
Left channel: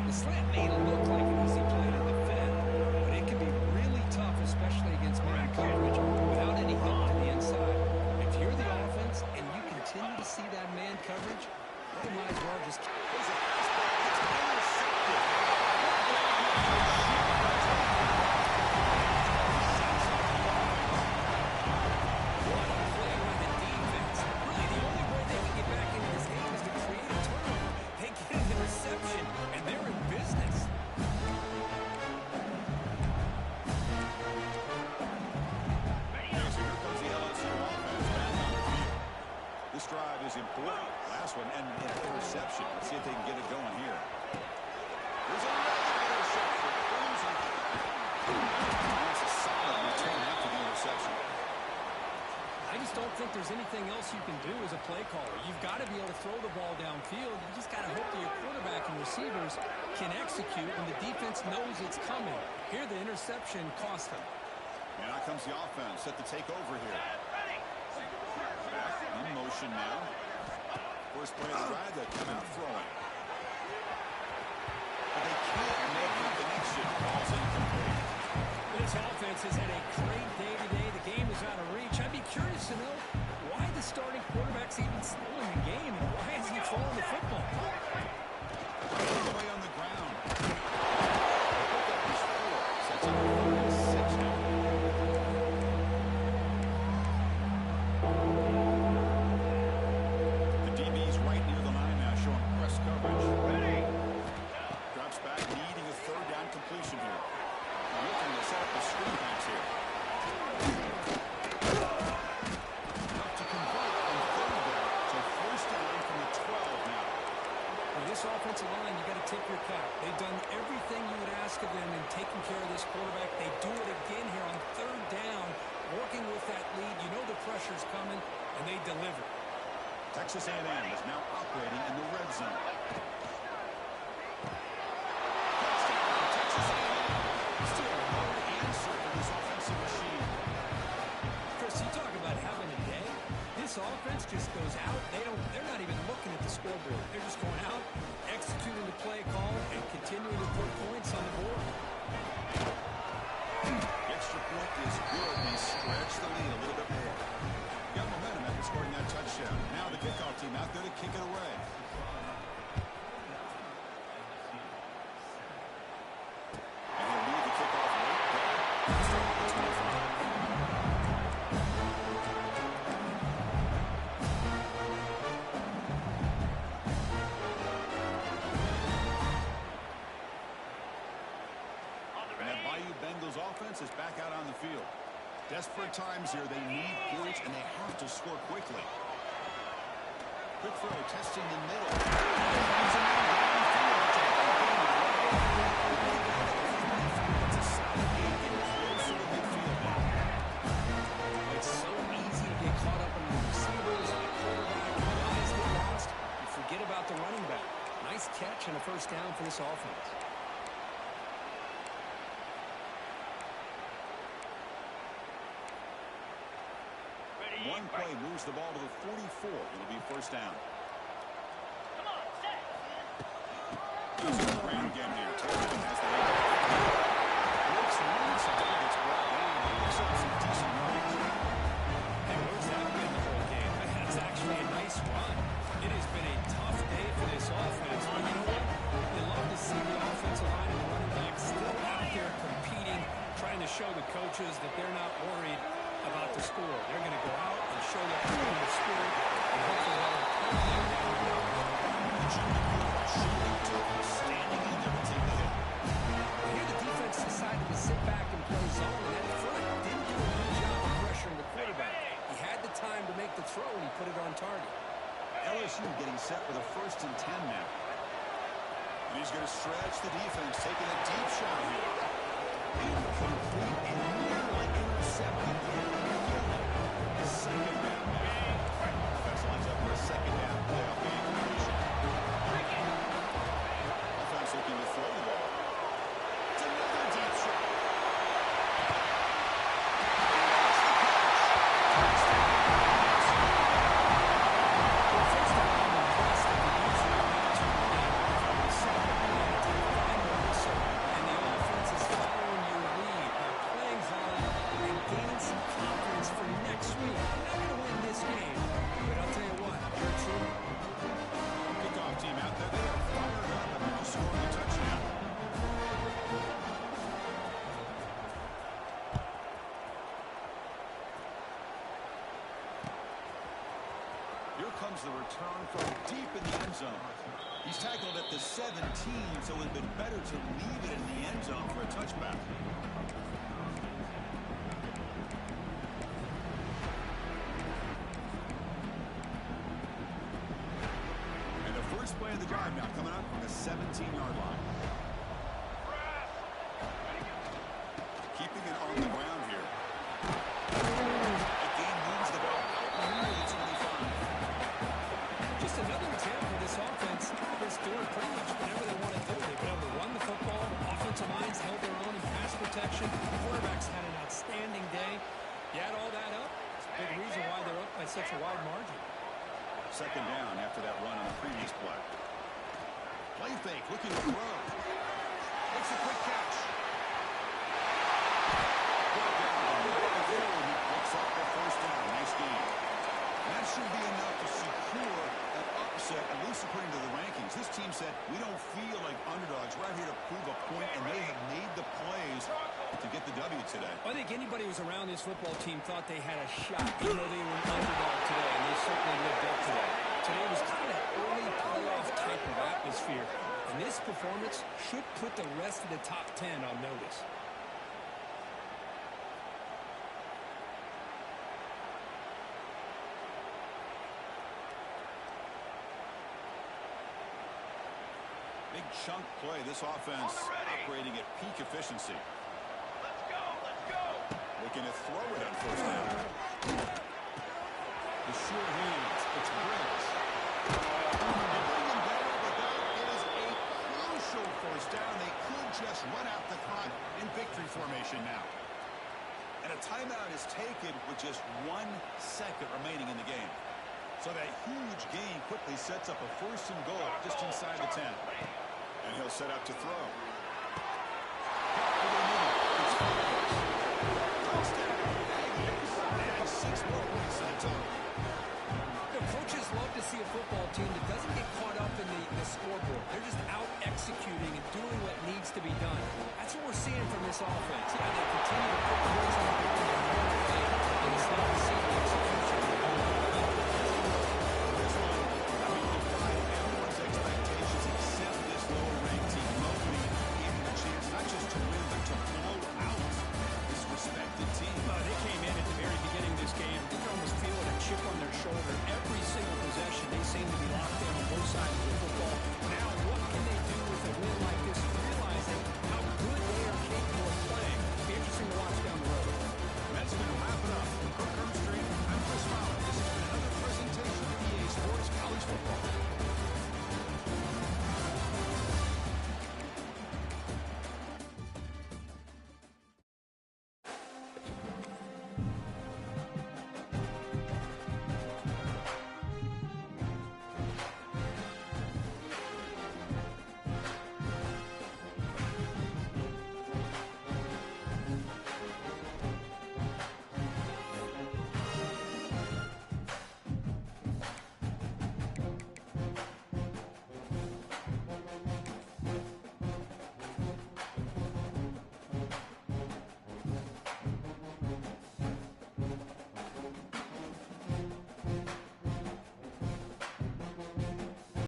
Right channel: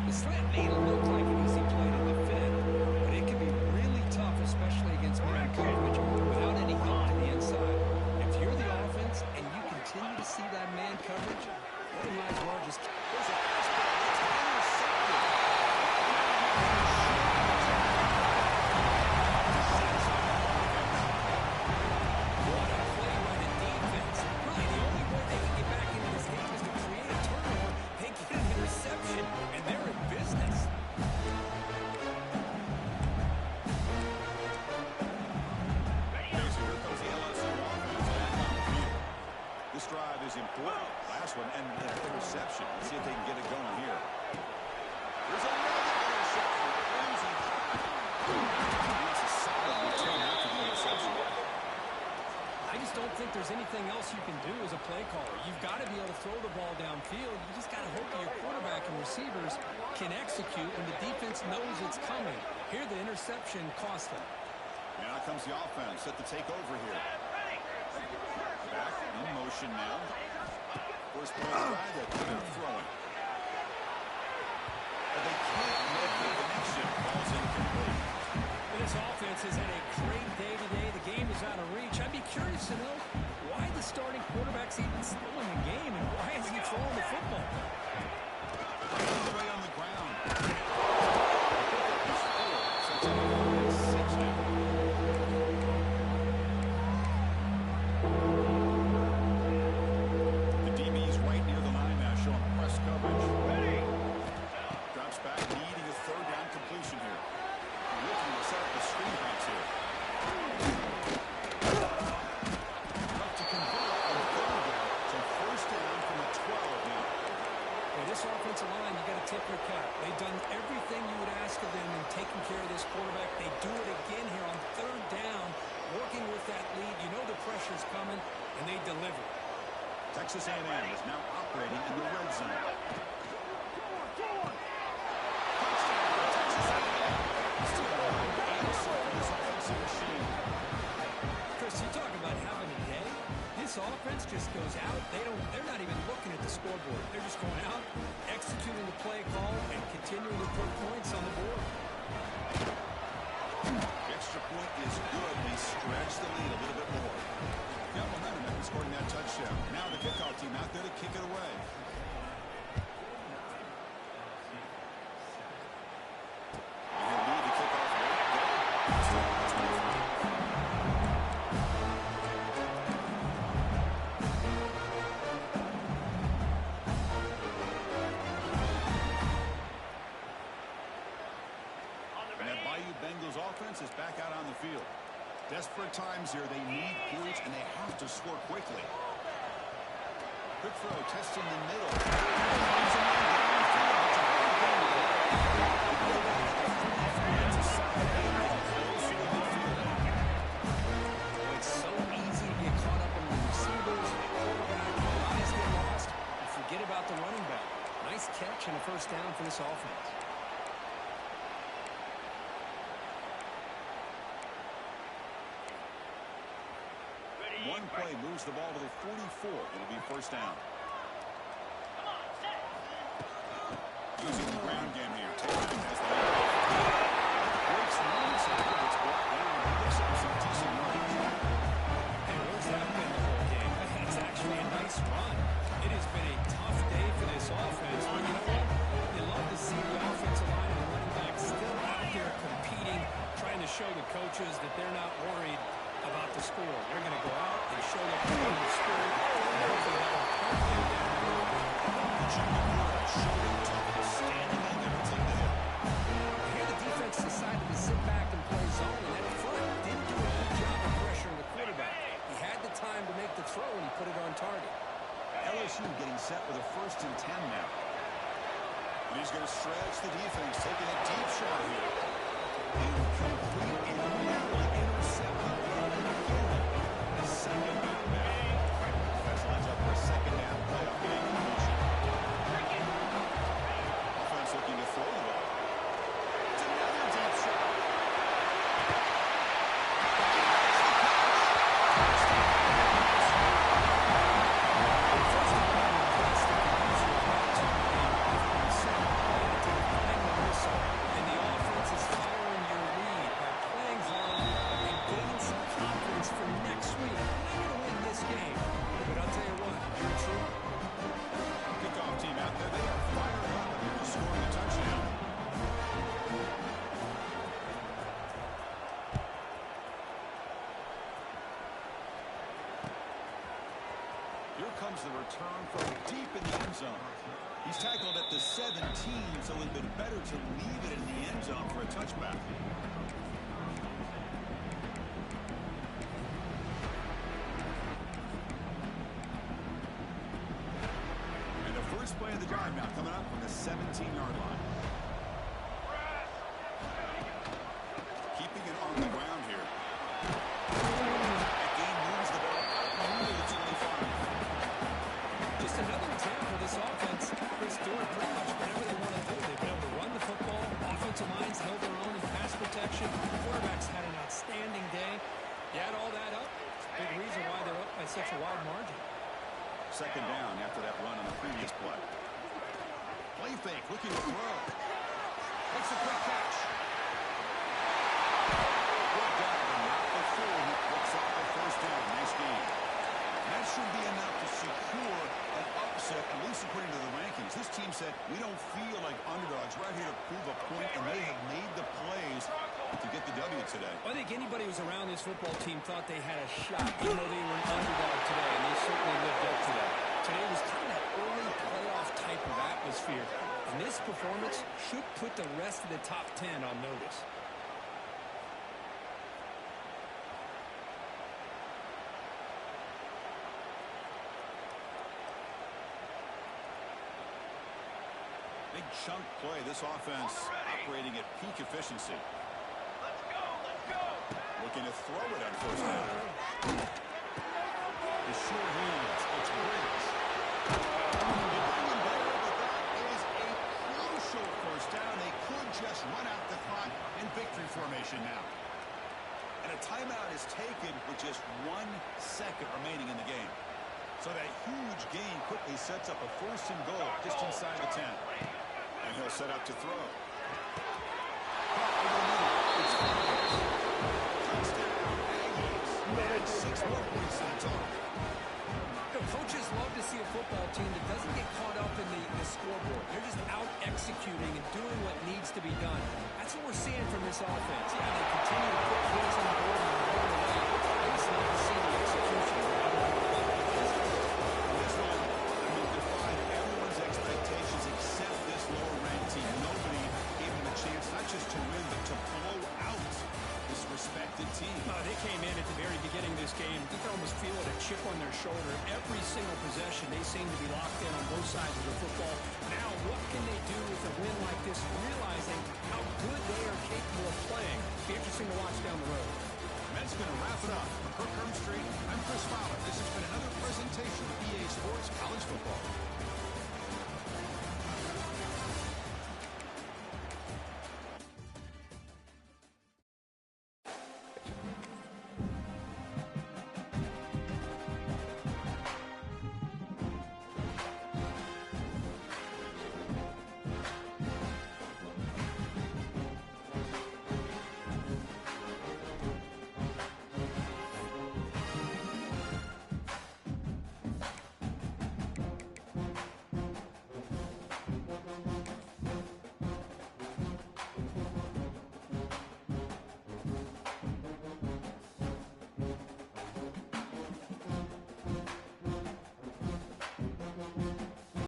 The slant may look like an easy play to defend, but it can be really tough, especially against man coverage without any help to the inside. If you're the offense and you continue to see that man coverage, well, you might as well just... There's a fastball. It's intercepted. What a play by the defense. Really, the only way they can get back into this game is to create a turnover. They get an interception, and they're in business. Okay, so here comes the LSU offense back on the field. This drive is important. Last one, and an interception. Let's see if they can get it going here. There's another interception. Losing track. That's a solid return after the interception. I just don't think there's anything else you can do as a play caller. You've got to be able to throw the ball downfield. You just got to hope that your quarterback and receivers can execute when the defense knows it's coming. Here, the interception cost them. And out comes the offense set to take over here. Ready. Back in motion now. First play of the drive, they come out throwing. But they can't make the connection. Ball's incomplete. This offense has had a great day today. The game is out of reach. I'd be curious to know why the starting quarterback's even still in the game and why is he throwing the football? All the way on the ground. The pickup is 4. Sets up a 3rd and 6 now. The DB's right near the line now, showing press coverage. Ready. Drops back, needing a 3rd down completion here. Looking to set up the screen pass here. Enough to convert on 3rd down. So 1st down from the 12 now. Well, this this offensive line, you got to tip your cap. They've done everything you would ask of them in taking care of this quarterback. They do it again here on third down, working with that lead. You know the pressure's coming, and they deliver. Texas A&M is now operating in the red zone. Touchdown for Texas A&M. Still no answer for this offensive machine. Chris, you talk about having a day. This offense just goes out. They're not even looking at the scoreboard. They're just going out, executing the play call, and continuing to put points on the board. The extra point is good. They stretch the lead a little bit more. Got momentum after scoring that touchdown. Now the kickoff team out there to kick it away. And he'll lead the kickoff right there. Start with the 25. And that Bayou Bengals offense is back out on the field. Desperate times here. They need points, and they have to score quickly. Quick throw, testing the middle. Finds a man downfield. It's a big game to the right. The quarterback at the 43. That's a solid gain, getting closer to midfield now. It's so easy to get caught up on the receivers and the quarterback. And your eyes get lost. You forget about the running back. Nice catch and a first down for this offense. One play moves the ball to the 44. It'll be first down. Come on, set. Using the ground game here. Taylor has the handoff. Breaks one side. Gets brought down. But picks up some decent yardage. Hey, where's that been the whole game? That's actually a nice run. It has been a tough day for this offense. But you know what? You love to see the offensive line and the running back still out there competing, trying to show the coaches that they're not worried about the score. They're going to go out and show their competitive spirit, and hopefully that will help them down the road. The junior quarterback showing toughness, standing in there to take the hit. Well, here the defense decided to sit back and play zone, and that front didn't do a good job of pressuring the quarterback. He had the time to make the throw, and he put it on target. LSU getting set with a 1st and 10 now. And he's going to stretch the defense, taking a deep shot here. Incomplete and nearly intercepted yet again. Second down now. Offense lines up for a second down playoff game completion. Offense looking to throw the ball. It's another deep shot. That's the catch. Well, first of all, I'm impressed that the user is not turning the game off. We set up a plan to take the final whistle, and the offense is following your lead by playing hard and gaining some confidence for next week. You're not going to win this game, but I'll tell you what, you're a trooper. Kickoff team out there. They are fired up after just scoring a touchdown. Here comes the return from deep in the end zone. He's tackled at the 17, so it would have been better to leave it in the end zone for a touchback. And the first play of the drive now coming up from the 17-yard line. Keeping it on the ground here. That gain moves the ball out near the 25. Just another example of this offense. Chris doing pretty much whatever they want to do. They've been able to run the football. Offensive lines held their own in pass protection. Quarterbacks had an outstanding day. You add all that up, it's a big reason why they're up by such a wide margin. Second down after that run on the previous play. Play fake, looking to throw. Makes a quick catch. Brought down, but not before he picks up the first down. Nice game. And that should be enough to secure an upset, at least according to the rankings. This team said, we don't feel like underdogs. We're out here to prove a point, and they have made the plays to get the W today. I think anybody who was around this football team thought they had a shot, even though they were an underdog today, and they certainly lived up to that. Today was kind of that early playoff type of atmosphere, and this performance should put the rest of the top 10 on notice. Big chunk play. This offense operating at peak efficiency. Let's go. Let's go. Looking to throw it on first down. The sure hands. It's Briggs. They bring him there, but that is a crucial first down. They could just run out the clock in victory formation now. And a timeout is taken with just 1 second remaining in the game. So that huge gain quickly sets up a first and goal just inside the 10. And he'll set up to throw. Caught over the middle. It's Flores. Touchdown, Aggies. And 6 more points to the total. You know, coaches love to see a football team that doesn't get caught up in the scoreboard. They're just out executing and doing what needs to be done. That's what we're seeing from this offense. Yeah, they continue to put points on the board and they're going away. I just love to see the execution. This one, I mean, defied everyone's expectations except this lower-ranked team. Nobody gave them a chance not just to win, but to blow out this respected team. They came in at the very beginning of this game. You can almost feel it, a chip on their shoulder. Every single possession, they seem to be locked in on both sides of the football. Now, what can they do with a win like this, realizing how good they are capable of playing? Be interesting to watch down the road. That's going to wrap it up. From Kirk Street, I'm Chris Fowler. This has been another presentation of EA Sports College Football.